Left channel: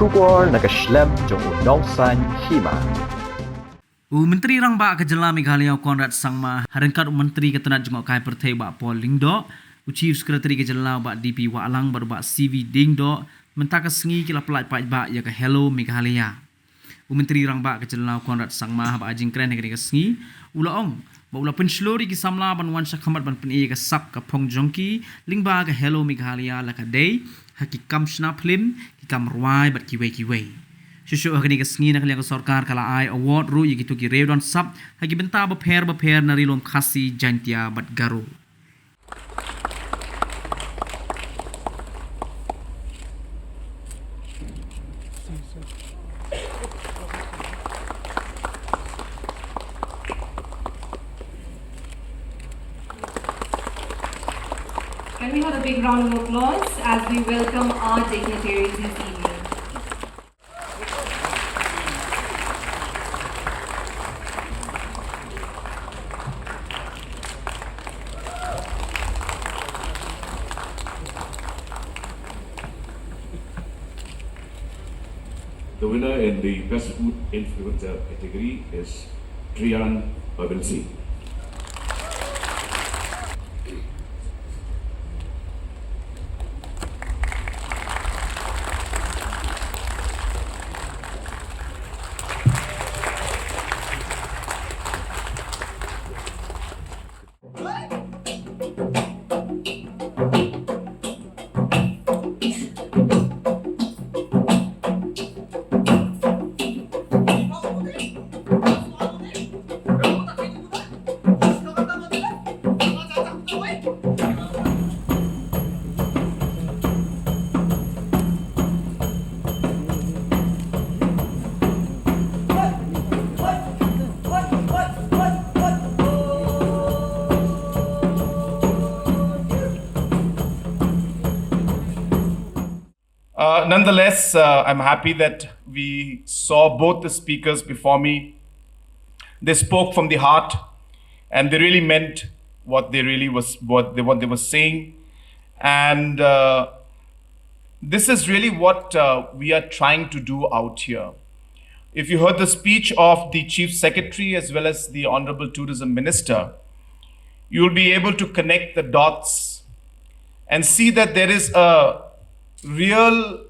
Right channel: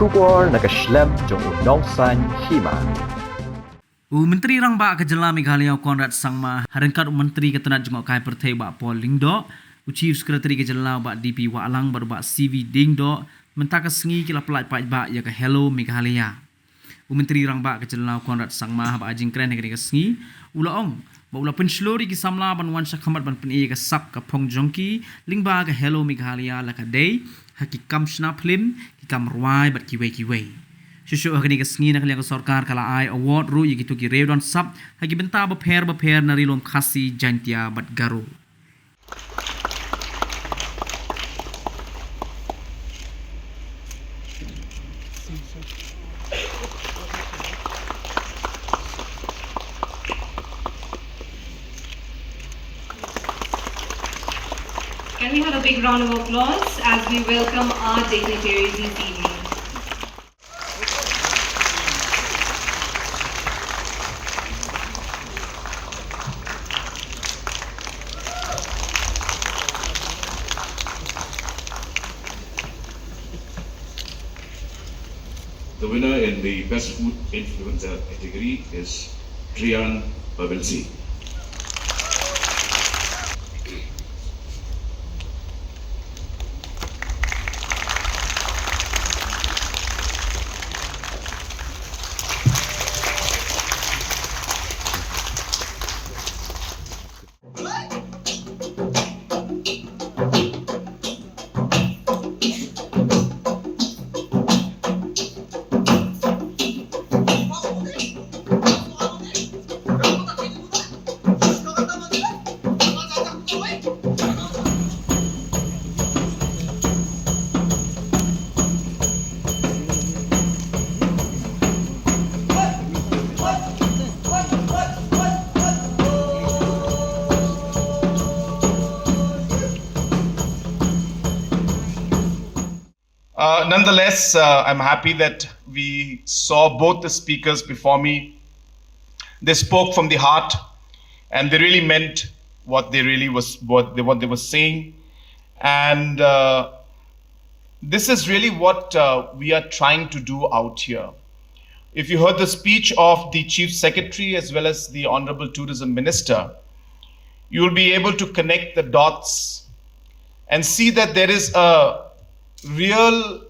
Shugor nakaslem jong unongsan Hima. Menteri Rangba ke Jylla Meghalaya Conrad Samla harengkat Menteri ketenat jengok kai pertai ba Paul Lyngba, Chief Secretary ke Jylla ba DP wa alang ba CV Dingdo mentaka sengi kila pelaj ba ya ke Hello Meghalaya. Menteri Rangba ke Jylla Conrad Samla ba ajing kren ke sengi ulaong ba ula penslori ki Samla ban wan sakhamat ban pen ke sap ka phong jongki Lyngba ke Hello Meghalaya la ka day hakikam snap film ki kam rwai bat kiwe Shushu agni ke sengi nak liang sarkar kala ai award ru yigitu ki rewdon sap hagi benta ba pher na rilom khasi jantia bat garu. Can we have a big round of applause as we welcome our dignitaries this evening? The winner in the Best Food Influencer category is Trian Pavelsi. Nonetheless, I'm happy that we saw both the speakers before me. They spoke from the heart, and they really meant what they were saying. And this is really what we are trying to do out here. If you heard the speech of the Chief Secretary as well as the Honorable Tourism Minister, you will be able to connect the dots and see that there is a real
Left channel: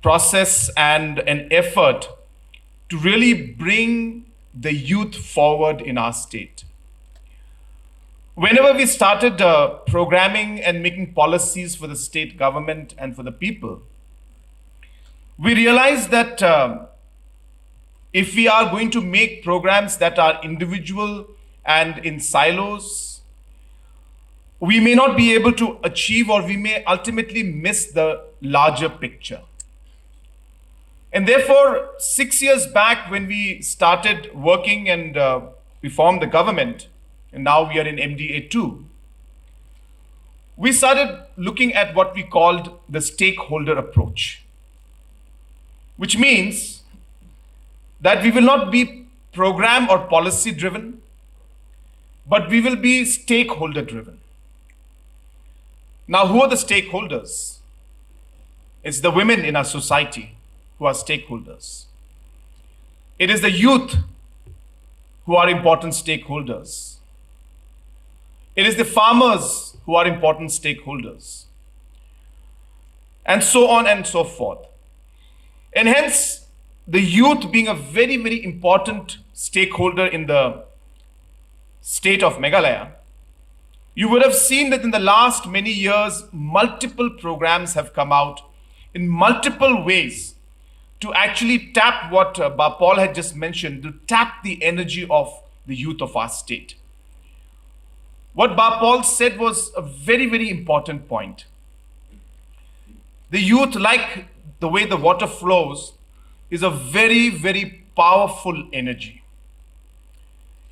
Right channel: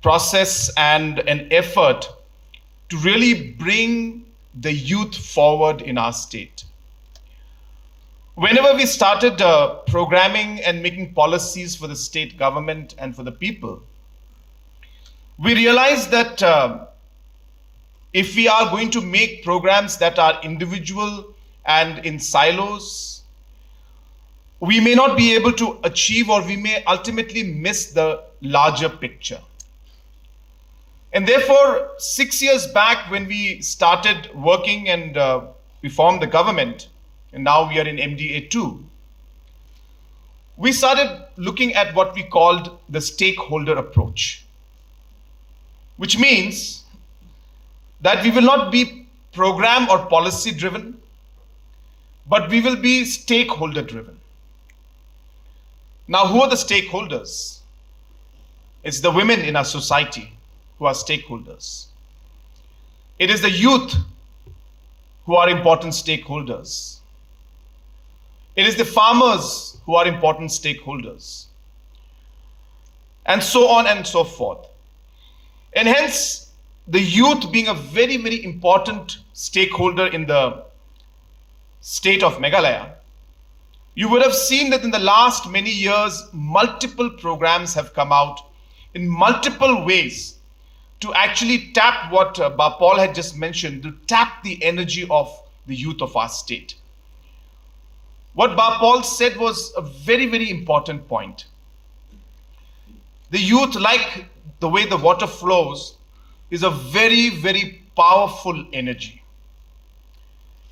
process and an effort to really bring the youth forward in our state. Whenever we started programming and making policies for the state government and for the people, we realized that if we are going to make programs that are individual and in silos, we may not be able to achieve, or we may ultimately miss the larger picture. And therefore, 6 years back when we started working and we formed the government, and now we are in MDA 2, we started looking at what we called the stakeholder approach, which means that we will not be program or policy driven, but we will be stakeholder driven. Now, who are the stakeholders? It's the women in our society who are stakeholders. It is the youth who are important stakeholders. It is the farmers who are important stakeholders. And so on and so forth. And hence, the youth being a very, very important stakeholder in the state of Meghalaya, you would have seen that in the last many years, multiple programs have come out in multiple ways to actually tap what Paul had just mentioned, to tap the energy of the youth of our state. What Paul said was a very, very important point. The youth, like the way the water flows, is a very, very powerful energy.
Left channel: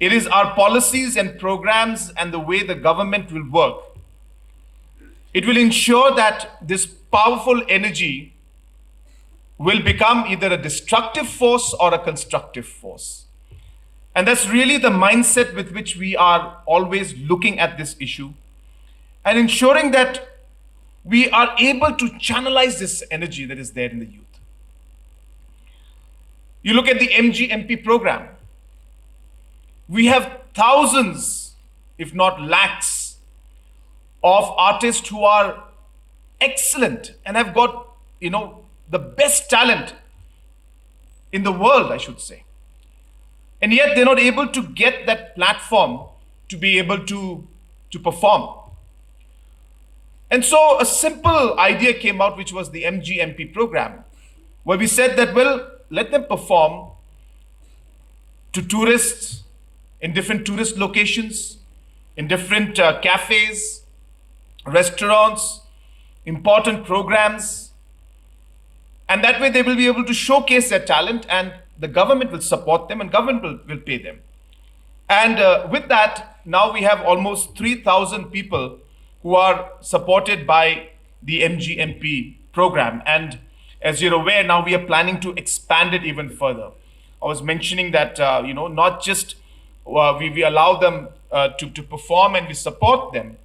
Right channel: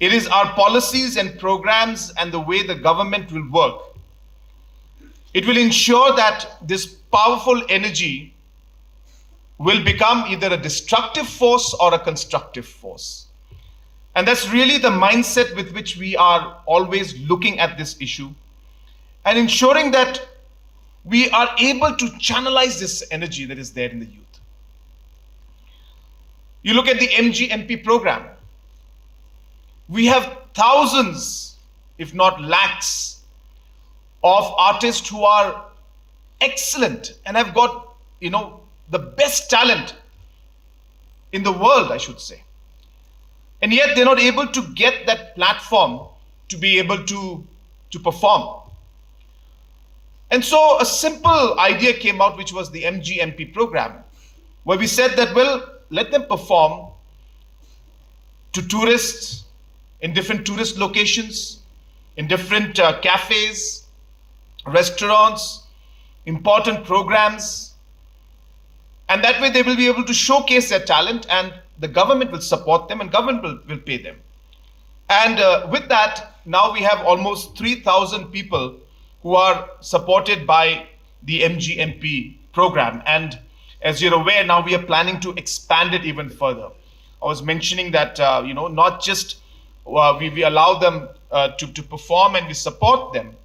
It is our policies and programs and the way the government will work. It will ensure that this powerful energy will become either a destructive force or a constructive force. And that's really the mindset with which we are always looking at this issue and ensuring that we are able to channelize this energy that is there in the youth. You look at the MGMP program. We have thousands, if not lakhs, of artists who are excellent and have got, the best talent in the world, I should say. And yet they're not able to get that platform to be able to perform. And so a simple idea came out, which was the MGMP program, where we said that, well, let them perform to tourists in different tourist locations, in different cafes, restaurants, important programs. And that way they will be able to showcase their talent, and the government will support them and government will pay them. And with that, now we have almost 3,000 people who are supported by the MGMP program. And as you're aware, now we are planning to expand it even further. I was mentioning that, not just we allow them to perform and we support them,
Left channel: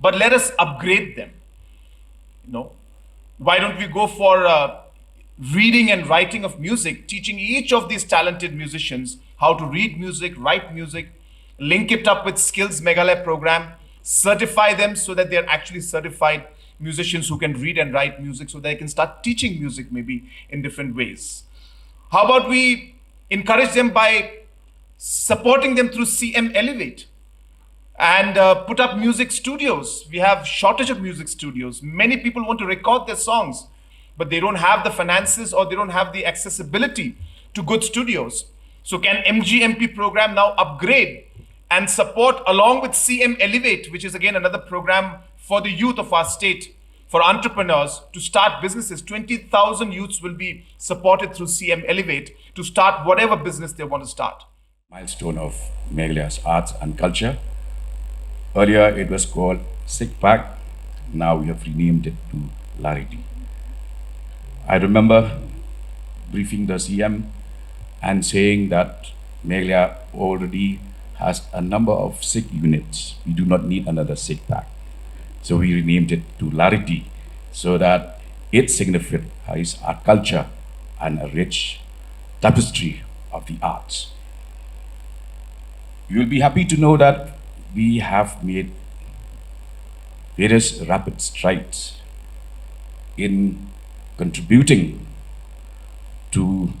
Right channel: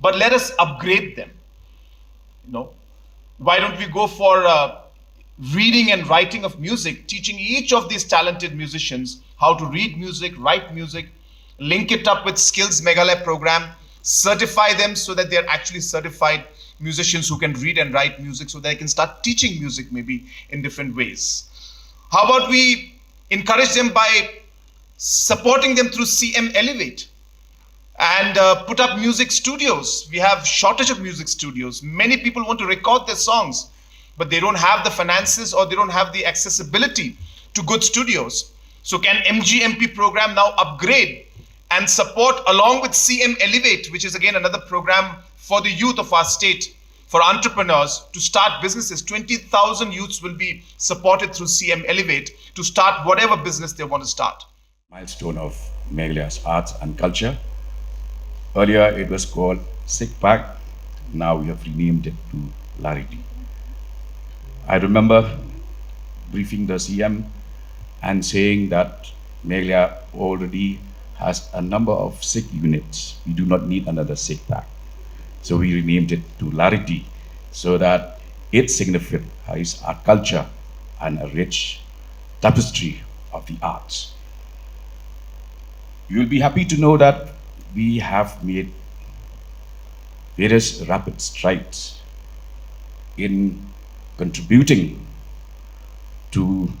but let us upgrade them. Why don't we go for reading and writing of music, teaching each of these talented musicians how to read music, write music, link it up with Skills Meghalaya program, certify them so that they're actually certified musicians who can read and write music, so they can start teaching music maybe in different ways. How about we encourage them by supporting them through CM Elevate and put up music studios? We have shortage of music studios. Many people want to record their songs, but they don't have the finances or they don't have the accessibility to good studios. So can MGMP program now upgrade and support, along with CM Elevate, which is again another program for the youth of our state, for entrepreneurs to start businesses. 20,000 youths will be supported through CM Elevate to start whatever business they want to start. Milestone of Meghalaya's arts and culture. Earlier it was called SICPAC. Now we have renamed it to Larity. I remember briefing the CM and saying that Meghalaya already has a number of SIC units. We do not need another SICPAC. So we renamed it to Larity, so that it signifies our culture and a rich tapestry of the arts. You will be happy to know that we have made various rapid strides in contributing to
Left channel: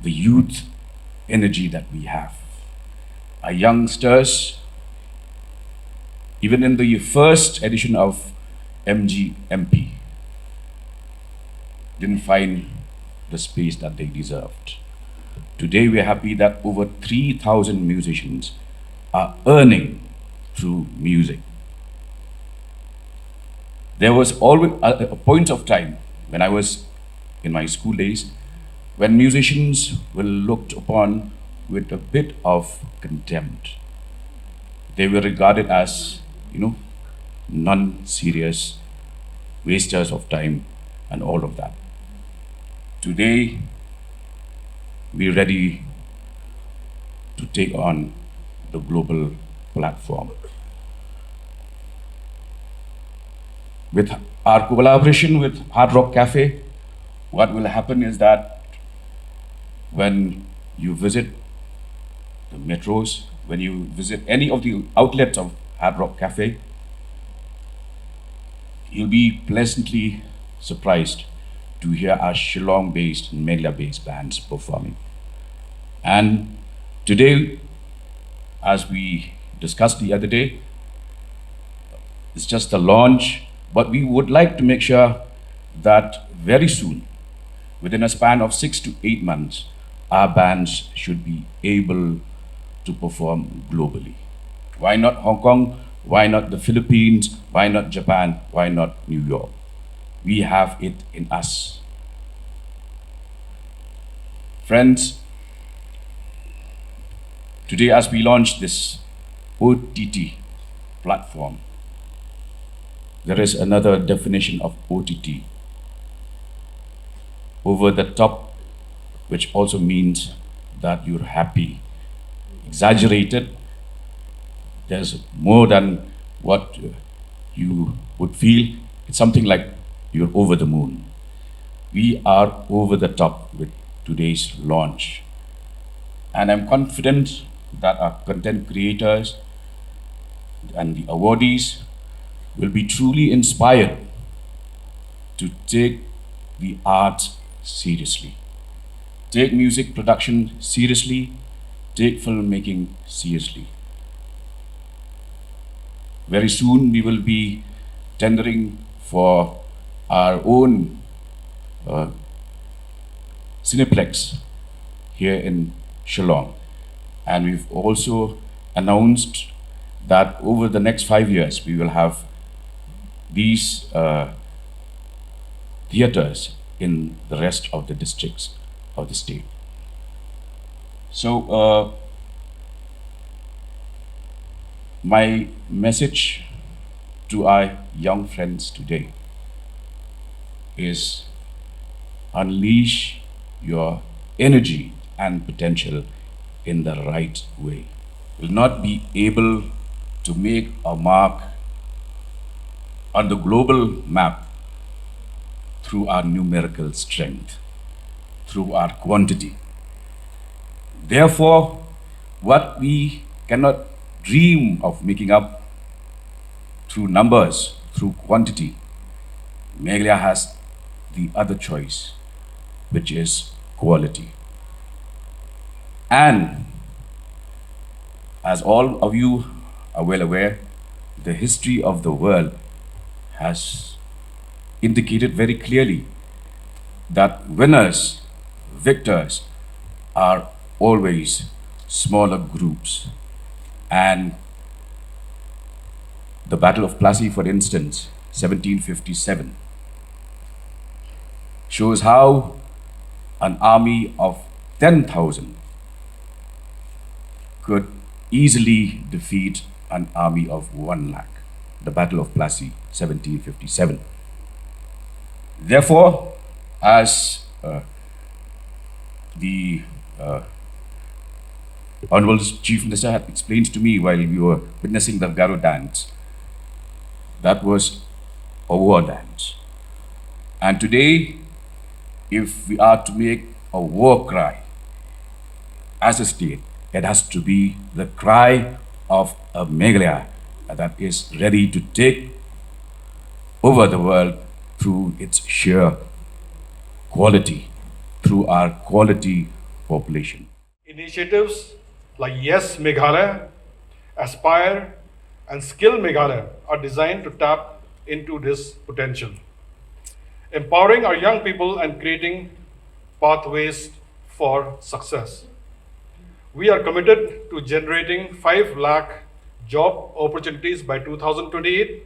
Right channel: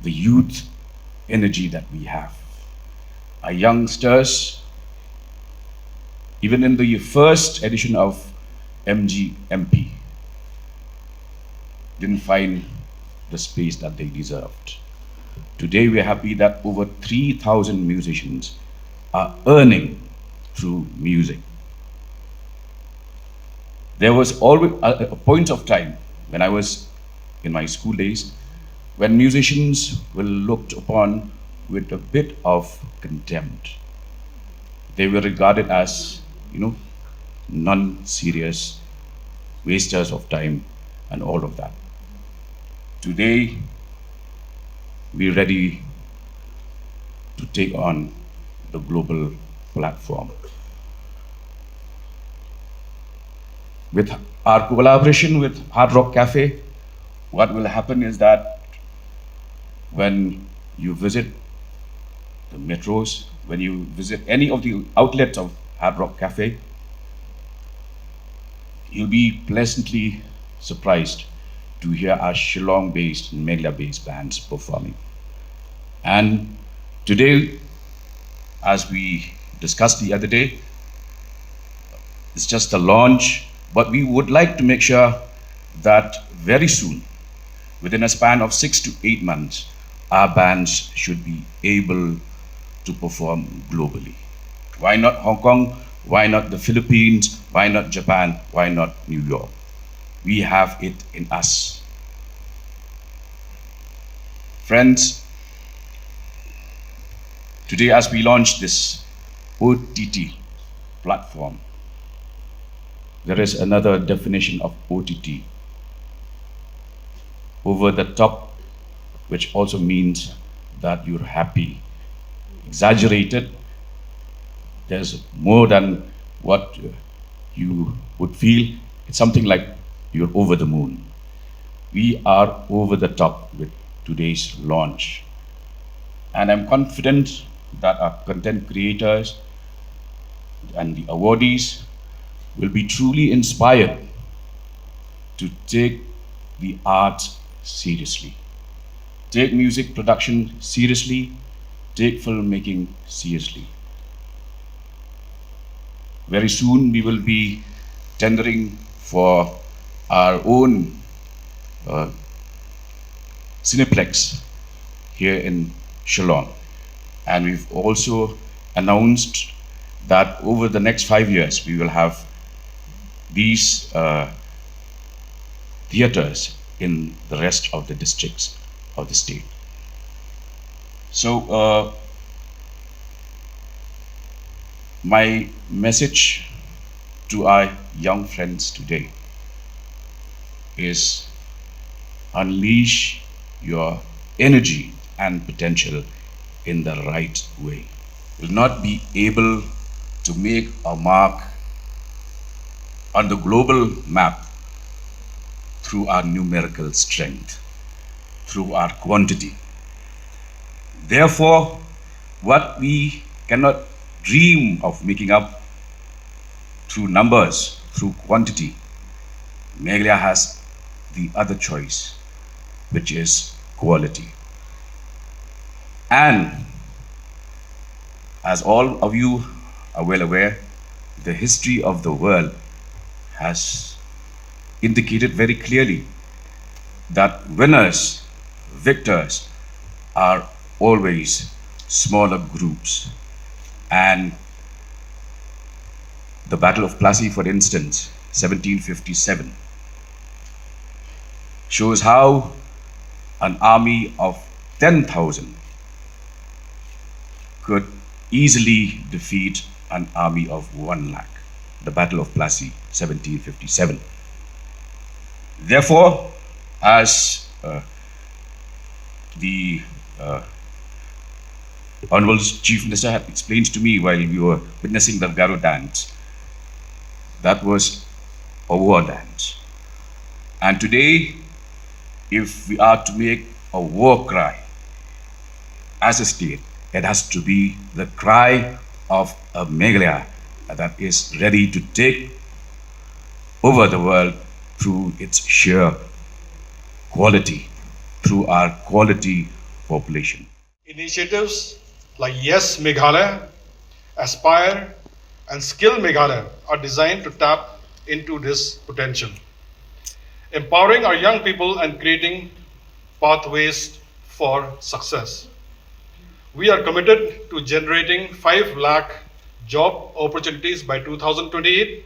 the youth energy that we have. Our youngsters, even in the first edition of MGMP, didn't find the space that they deserved. Today we are happy that over 3,000 musicians are earning through music. There was always a point of time when I was in my school days when musicians were looked upon with a bit of contempt. They were regarded as, non-serious wasters of time and all of that. Today, we're ready to take on the global platform. With our collaboration with Hard Rock Cafe, what will happen is that when you visit the metros, when you visit any of the outlets of Hard Rock Cafe, you'll be pleasantly surprised to hear our Shillong-based and Meghalaya-based bands performing. And today, as we discussed the other day, it's just a launch, but we would like to make sure that very soon, within a span of 6 to 8 months, our bands should be able to perform globally. Why not Hong Kong? Why not the Philippines? Why not Japan? Why not New York? We have it in us. Friends, today as we launch this OTT platform, there is another definition of OTT. Over the top, which also means that you're happy. Exaggerated, there's more than what you would feel it's something like you're over the moon. We are over the top with today's launch. And I'm confident that our content creators and the awardees will be truly inspired to take the arts seriously. Take music production seriously, take filmmaking seriously. Very soon we will be tendering for our own Cineplex here in Shillong. And we've also announced that over the next 5 years, we will have these theaters in the rest of the districts of the state. So, my message to our young friends today is unleash your energy and potential in the right way. Will not be able to make a mark on the global map through our numerical strength, through our quantity. Therefore, what we cannot dream of making up through numbers, through quantity, Meghalaya has the other choice, which is quality. And as all of you are well aware, the history of the world has indicated very clearly that winners, victors are always smaller groups. And the Battle of Plassey, for instance, 1757, shows how an army of 10,000 could easily defeat an army of 1 lakh. The Battle of Plassey, 1757. Therefore, as the Honorable Chief Minister had explained to me while we were witnessing the Garo dance, that was a war dance. And today, if we are to make a war cry as a state, it has to be the cry of a Meghalaya that is ready to take over the world through its sheer quality, through our quality population. Initiatives like Yes Meghalaya, Aspire, and Skill Meghalaya are designed to tap into this potential, empowering our young people and creating pathways for success. We are committed to generating 5 lakh job opportunities by 2028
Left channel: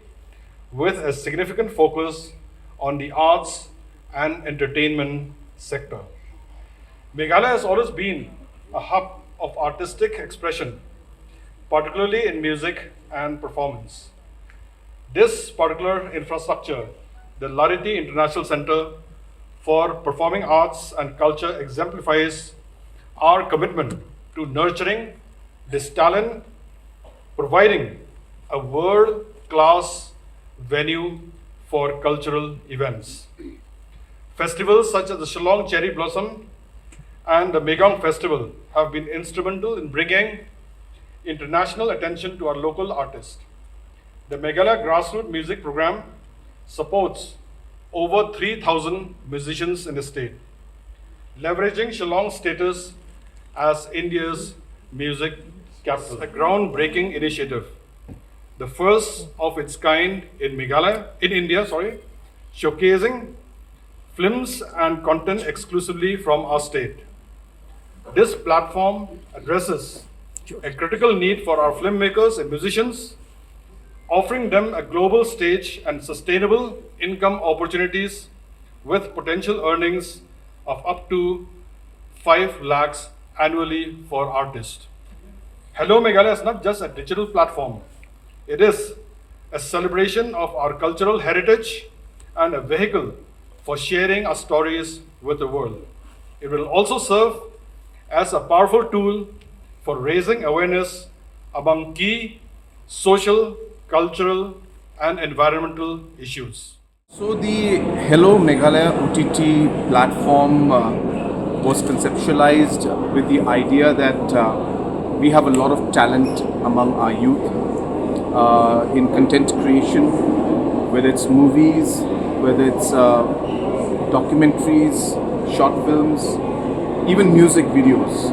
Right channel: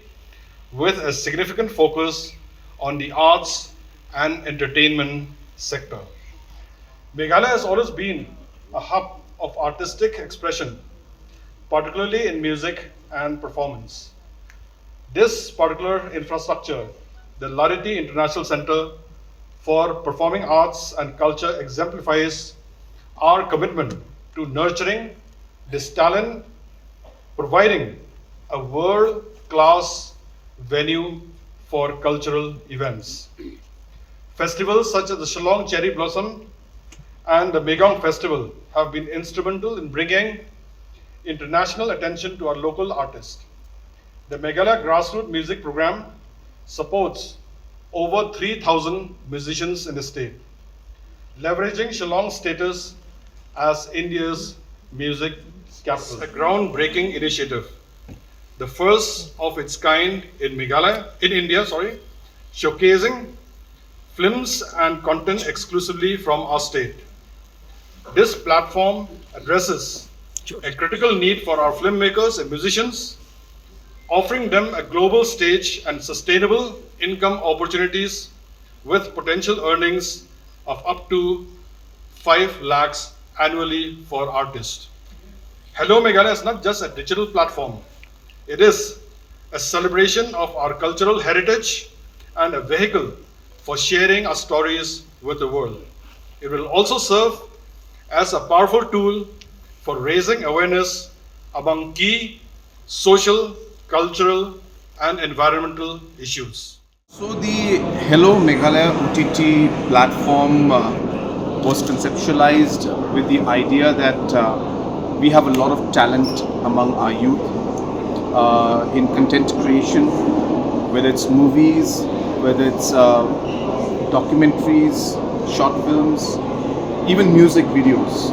with a significant focus on the arts and entertainment sector. Meghalaya has always been a hub of artistic expression, particularly in music and performance. This particular infrastructure, the Larity International Center for Performing Arts and Culture, exemplifies our commitment to nurturing this talent, providing a world-class venue for cultural events. Festivals such as the Shillong Cherry Blossom and the Megong Festival have been instrumental in bringing international attention to our local artists. The Meghalaya Grassroots Music Program supports over 3,000 musicians in the state, leveraging Shillong's status as India's music capital. A groundbreaking initiative, the first of its kind in India, showcasing films and content exclusively from our state. This platform addresses a critical need for our filmmakers and musicians, offering them a global stage and sustainable income opportunities with potential earnings of up to 5 lakhs annually for artists. Hello Meghalaya is not just a digital platform. It is a celebration of our cultural heritage and a vehicle for sharing our stories with the world. It will also serve as a powerful tool for raising awareness among key social, cultural, and environmental issues. So the Hello Meghalaya OTT platform was conceptualized with the idea that we have a lot of talent among our youth in content creation, whether it's movies, whether it's documentaries, short films, even music videos.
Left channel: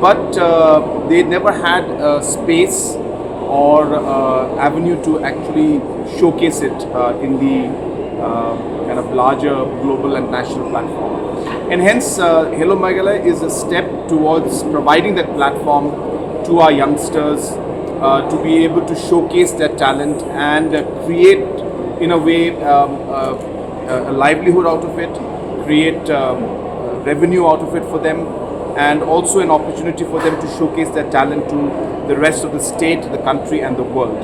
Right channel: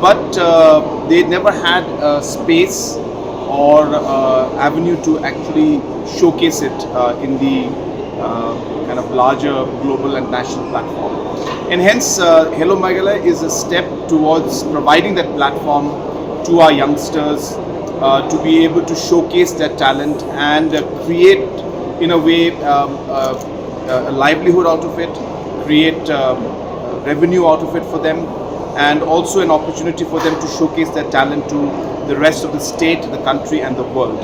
But they never had a space or avenue to actually showcase it in the kind of larger global and national platform. And hence, Hello Meghalaya is a step towards providing that platform to our youngsters to be able to showcase their talent and create, in a way, a livelihood out of it, create revenue out of it for them, and also an opportunity for them to showcase their talent to the rest of the state, the country, and the world.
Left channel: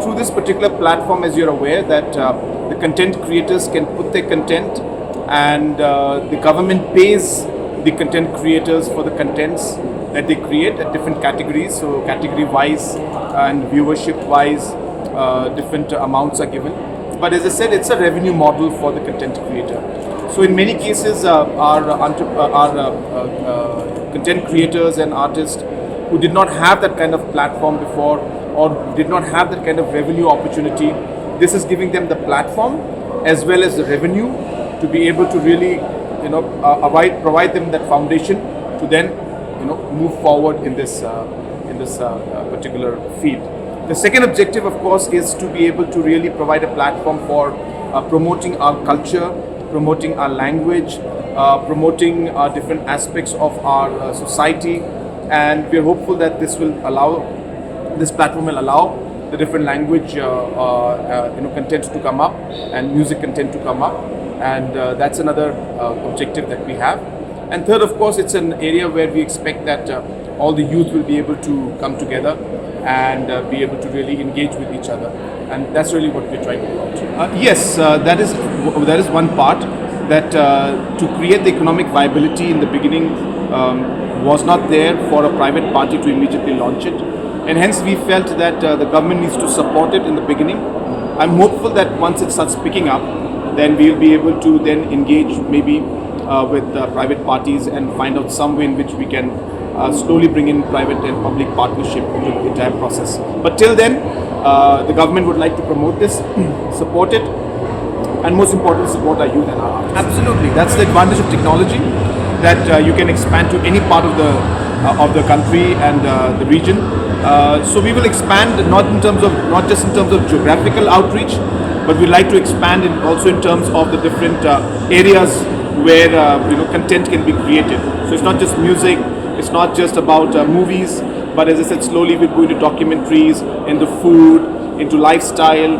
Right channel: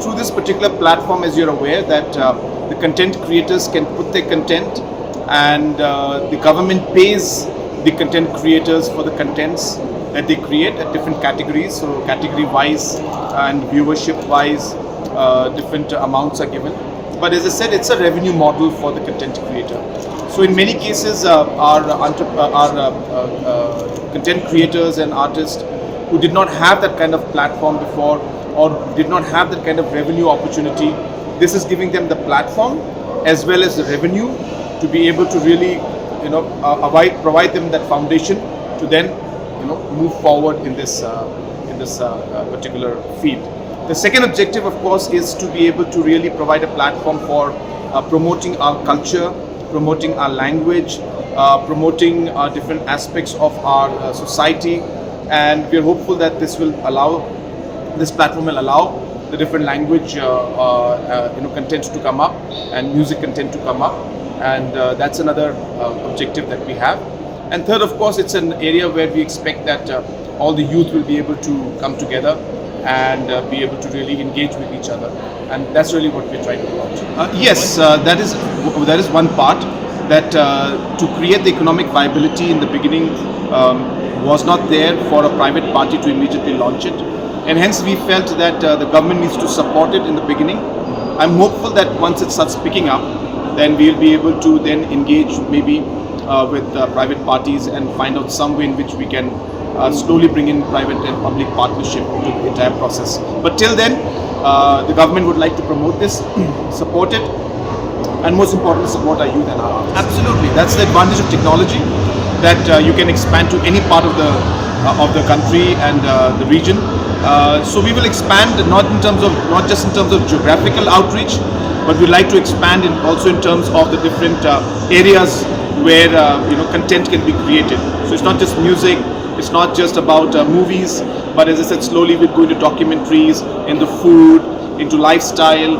Through this particular platform, as you're aware, that the content creators can put their content, and the government pays the content creators for the contents that they create at different categories. So category-wise and viewership-wise, different amounts are given. But as I said, it's a revenue model for the content creator. So in many cases, our content creators and artists who did not have that kind of platform before, or did not have that kind of revenue opportunity, this is giving them the platform as well as the revenue to be able to really, provide them that foundation to then, move forward in this particular field. The second objective, of course, is to be able to really provide a platform for promoting our culture, promoting our language, promoting different aspects of our society, and we are hopeful that this platform will allow the different language content to come up and music content to come up, and that's another objective that we have. And third, of course, it's an area where we expect that all the youth will be able to come together and be able to really engage with each other, and that's really what we're trying to do out. Yes, that is one part, that to create the economic viability in the beginning was not there for a private party to immediately launch it, and hence we felt that the government needs to support it in the beginning. I'm hopeful that once it starts picking up, then we'll be able to then engage maybe with private parties and find out some way in which we can slowly bring in private and public partnership to the entire process. But till then, the government would like to promote this, support it, and most importantly, support our youth and our artists. Absolutely, that's the advantage of technology, that you can expand to any part of the country and the region. So we will expand not just in terms of geographical outreach, but we like to expand also in terms of the different areas where content can be created. So it's not just music, it's not just about movies, but as I said, slowly we're going to documentaries, into food, into lifestyle,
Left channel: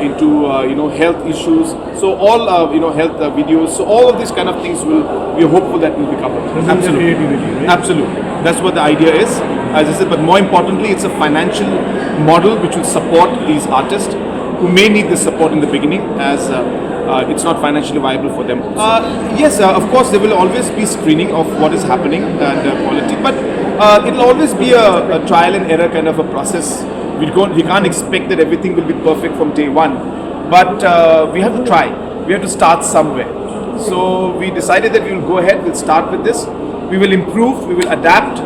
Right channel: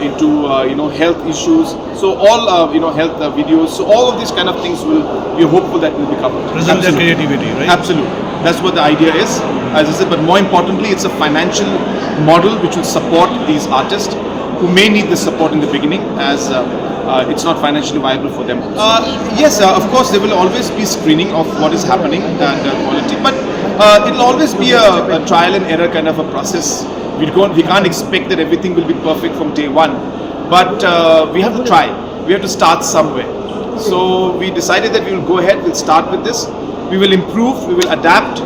into health issues. So all health videos. So all of these kind of things we are hopeful that will be covered. Present their creativity, right? Absolutely. That's what the idea is, as I said. But more importantly, it's a financial model which will support these artists who may need the support in the beginning, as it's not financially viable for them also. Yes, of course, there will always be screening of what is happening and quality, but it'll always be a trial and error kind of a process. We can't expect that everything will be perfect from day one, but we have to try. We have to start somewhere. So we decided that we will go ahead, we'll start with this. We will improve, we will adapt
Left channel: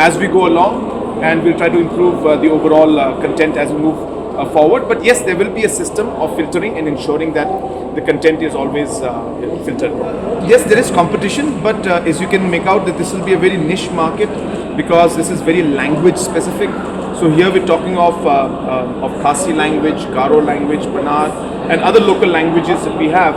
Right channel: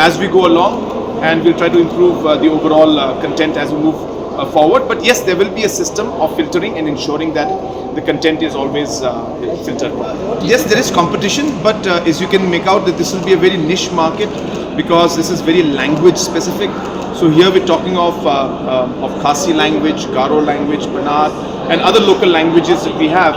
as we go along, and we'll try to improve the overall content as we move forward. But yes, there will be a system of filtering and ensuring that the content is always filtered properly. Yes, there is competition, but as you can make out that this will be a very niche market, because this is very language specific. So here we're talking of Khasi language, Garo language, Banat, and other local languages that we have.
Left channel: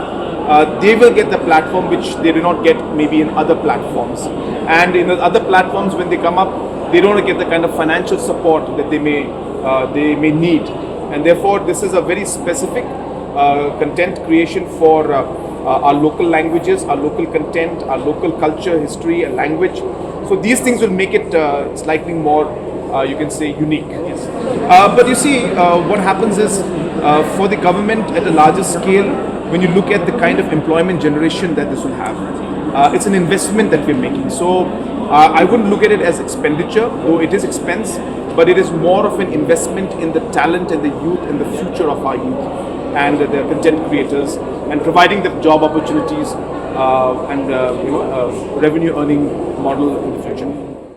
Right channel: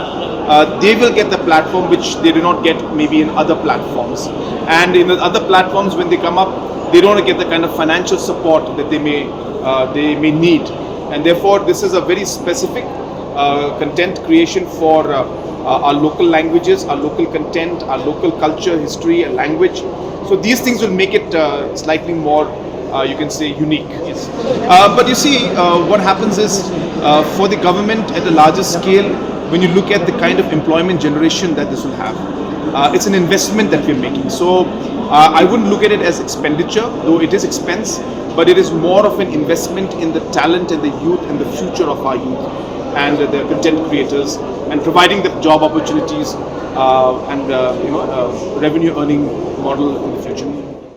They will get the platform which they do not get maybe in other platforms. And in the other platforms, when they come up, they don't get the kind of financial support that they may need. And therefore, this is a very specific content creation for our local languages, our local content, our local culture, history, and language. So these things will make it slightly more, you can say, unique. Yes. But you see, what happens is, for the government at a larger scale, when you look at the kind of employment generation that this will have, it's an investment that we're making. So I wouldn't look at it as expenditure, though it is expense, but it is more of an investment in the talent and the youth and the future of our youth and the content creators, and providing them job opportunities and revenue earning model in the future.